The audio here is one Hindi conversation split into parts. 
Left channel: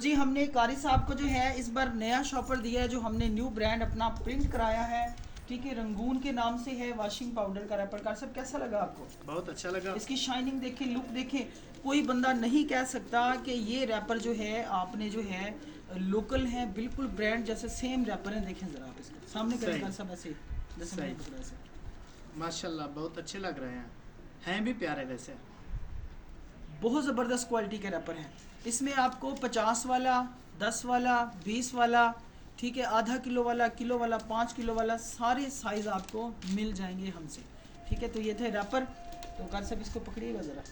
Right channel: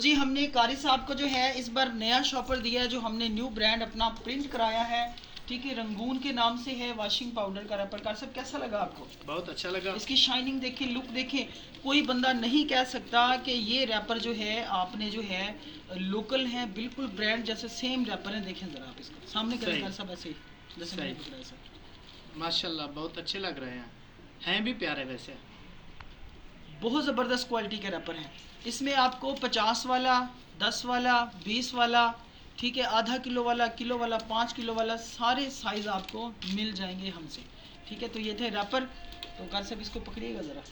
जी हमने कारी साहब को जो है इस बार नया शॉपर दिया है, जो हमने न्यू ब्रांड अपना प्रिंट कराया है। ठीक है, रंगून के नाम से है, वॉशिंग पाउडर का रैपर। कार साहब कैसा लगा आपको? बहुत अच्छा लगा। इसकी शाइनिंग देखें, लुक देखें। कोई बंदा नहीं कह सकता कि ये रैपर जो है आपने जो है लोकल है, बिल्कुल ब्रांड जैसे सेम रैपर है। देखें ज़रा आप इसका सामने करें कार साहब, ऐसे जैसे मैंने पकड़ा ऐसे। माशाल्लाह बहुत अच्छे लग रहे हैं भी प्यारे। वैसे बहुत ज़बरदस्त क्वालिटी के रैपर हैं। इसमें आपको 50 वाला, 10 वाला, 20 वाला, ठीक है, आधा किलो वाला, किलो वाला, 5 किलो वाला, सारे साइज़ आपको मिल जाएंगे हमसे। ठीक है, तो ये थे रैपर। तो कार साहब इसको पकड़िएगा ज़रा।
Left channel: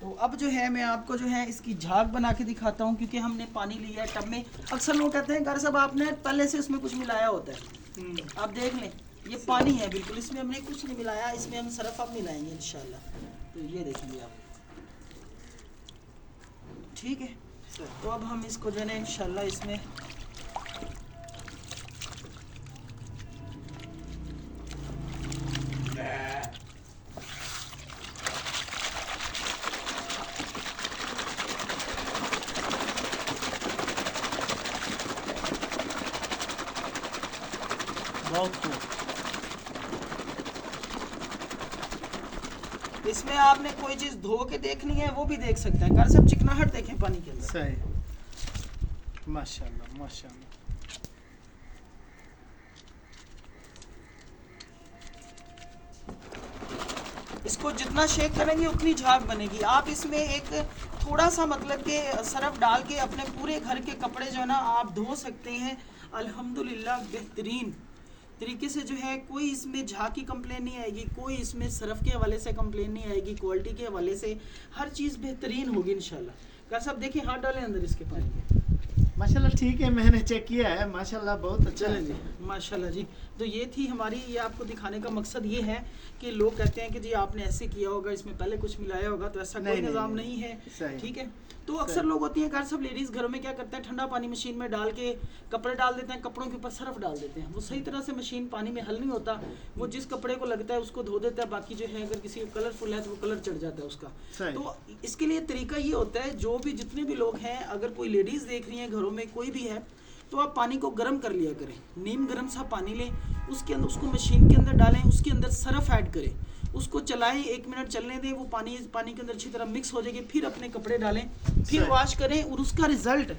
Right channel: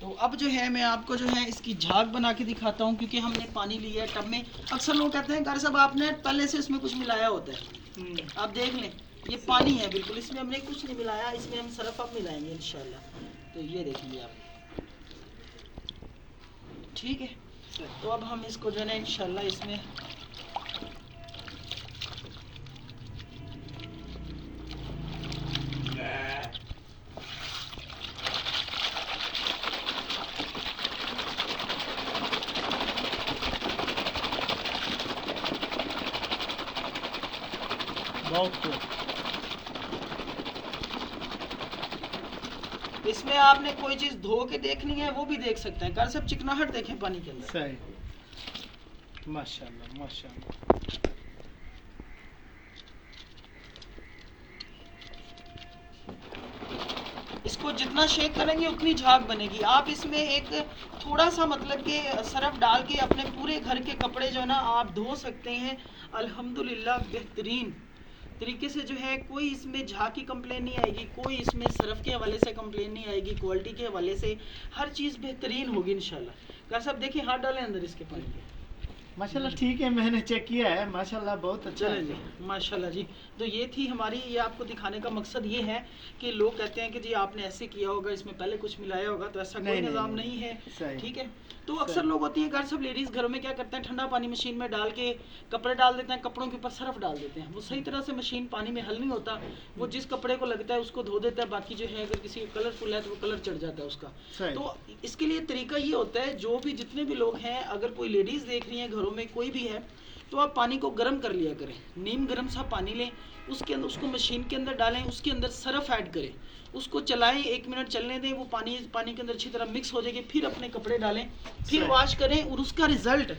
तो अब जो है मैं आपको जो है इसकी झाग बना के दिखाता हूँ, क्योंकि हमने पानी लिया है टब में। अक्सर लोग कहते हैं कार साहब आपने पहले से इसमें कुछ मिलाया होता है। आप देख लें, ये पानी है बिल्कुल, इसमें हमने कुछ नहीं मिलाया। इसमें हम सरफ अब मिलाएंगे इंशाल्लाह। तो ये देखेंगे आप, ठीक है। तो अब हम इसको जो है ना इंशाल्लाह इसमें बहुत खूब। इसमें आपने कोई चीज़ धो के देखनी है वो भी देख सकते हैं। कार सब चिकनाहट देखें पानी के अंदर। सही, माशाल्लाह माशाल्लाह। इसको जितना शेक करेंगे उतनी झाग बनेगी। आप इसमें एक थोड़ा सा मतलब कि सरफ डाल के अपने पूरे घर के कपड़े जो है ना आप धो सकते हैं अल्हम्दुलिल्लाह बेहतरीन तरीके से। जो है कोई इसमें झाग की कंप्लेन नहीं आएगी, कोई इसमें सरफ के हवाले से कंप्लेन नहीं आएगी, क्वालिटी के हवाले से हर चीज़ बेहतरीन होगी इंशाल्लाह। कार साहब देखिए, हाथ डालें अंदर इसके पानी के। माशाल्लाह ठीक है, मैंने चेक किया है, माशाल्लाह बहुत अच्छा है जी, माशाल्लाह जी। तो ये थी हमारी, ये आपको दिखाने का मकसद ये है कि लोग कहते हैं कि जी आपने ऐसे किया होगा, इसमें पहले कुछ मिलाया होगा, तो ऐसा कोई निज़ाम नहीं है। ठीक है, तो अक्सर लोग होती हैं कार सब लेडीज़ घरों में क्या करते हैं, ठंडा पानी मशीन में डाल के कपड़े डाल देते हैं, कपड़ों के ऊपर सरफ डाल देते हैं। वो सही तरह से मशीन पानी में हल नहीं होता। वो जिस कपड़े को लगता है उसको धो देता है, बाकी जो है अगर किसी का कलरफुल है तो वो कलर चढ़ जाता है उसका। तो इसके लिए तरीका ये होता है, जो भी जितने भी लोग हैं, अगर कोई लेडीज़ देख रही हैं घरों में, कोई भी है, तो आप पानी को गर्म कर लिया करें। नीम गर्म सा पानी लें, उसके अंदर उसको मशीन के अंदर डालें, उसके अंदर सरफ ऐड करें, उसको चलाएं, 1 मिनट चलने दें, वो पानी के अंदर अच्छी तरह मिक्स हो जाएगी। फिर अपने कपड़े डालें, फिर वॉश करें, और उसका रिज़ल्ट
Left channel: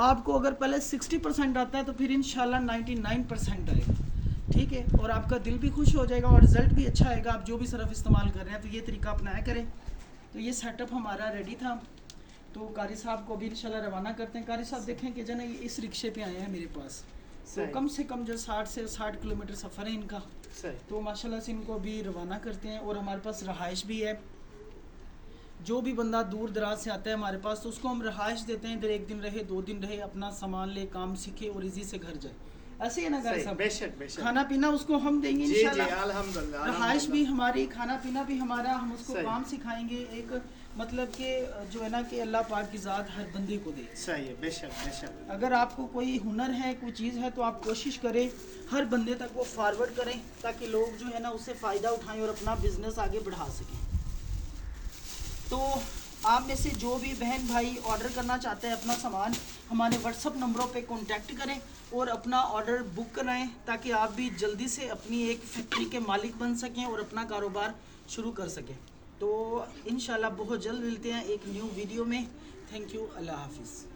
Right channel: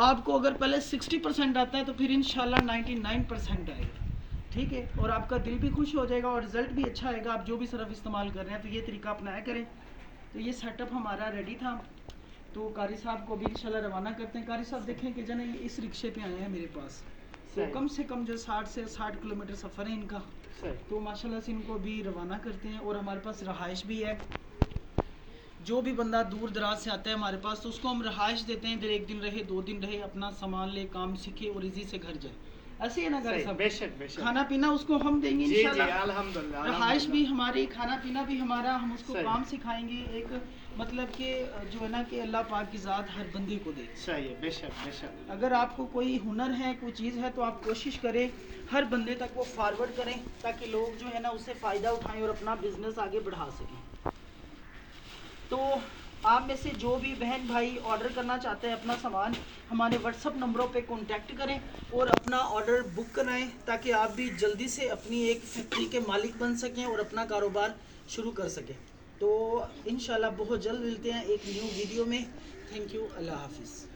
आपको अगर पहले 60% आता है तो फिर इंशाल्लाह 99% आएगा। ठीक है, और आपका दिल भी खुश हो जाएगा और रिज़ल्ट भी अच्छा आएगा। आप जो भी सरफ इस्तेमाल कर रहे हैं तो ये तरीका अपनाया करें। तो ये सेटअप हमारा रेडी था, तो कारी साहब को भी इंशाल्लाह रवाना करते हैं। कारी साहब देखें कि जना ये इस रिक्शे पे आए हैं मेरे पास, तो कम से कम जो 60 किलोमीटर सफ़र है इनका। तो माशाल्लाह से इनको भी रवाना करते हैं। और हमारे पास रहाइश भी है, जो भी बंदा दूर दराज से आता है हमारे पास, तो उसको हम रहाइश देते हैं। इधर 1 दिन रहे, 2 दिन रहे, अपना सामान ले, काम सीखे और इजी से घर जाए। ऐसे है ना कारी साहब? बेशक। खाना पीना उसको हम देंगे इंशाल्लाह, अल्हम्दुलिल्लाह। रहाइश भी हमारी, खाना पीना भी हमारा, हम उसको काम सिखाएंगे। एक मतलब कि जो है ना कि अल्लाह पाक की ज़ात हर बंदे को दे। सही है, बेशक। अगर आपको कोई हुनर है, कोई चीज़ है, तो आप कोशिश करें हर बंदे तक वो फॉरवर्ड करें, ताकि लोग जो है ना उससे फ़ायदा उठाएं और अपना बिजनेस आगे बढ़ा सकें। तो आप में से जो भी बहन भाई ऑर्डर करना चाहते हैं अपना सामान, हमारे व्हाट्सअप नंबरों पे कांटेक्ट करें और अपना ऑर्डर बुक कराएं, ताकि आप भी जल्दी से अपनी एक फैक्ट्री के मालिक बन सकें और अपना कारोबार शुरू कर सकें। तो इंशाल्लाह बहुत जल्द मिलते हैं एक न्यू वीडियो में। थैंक यू, अल्लाह हाफिज़।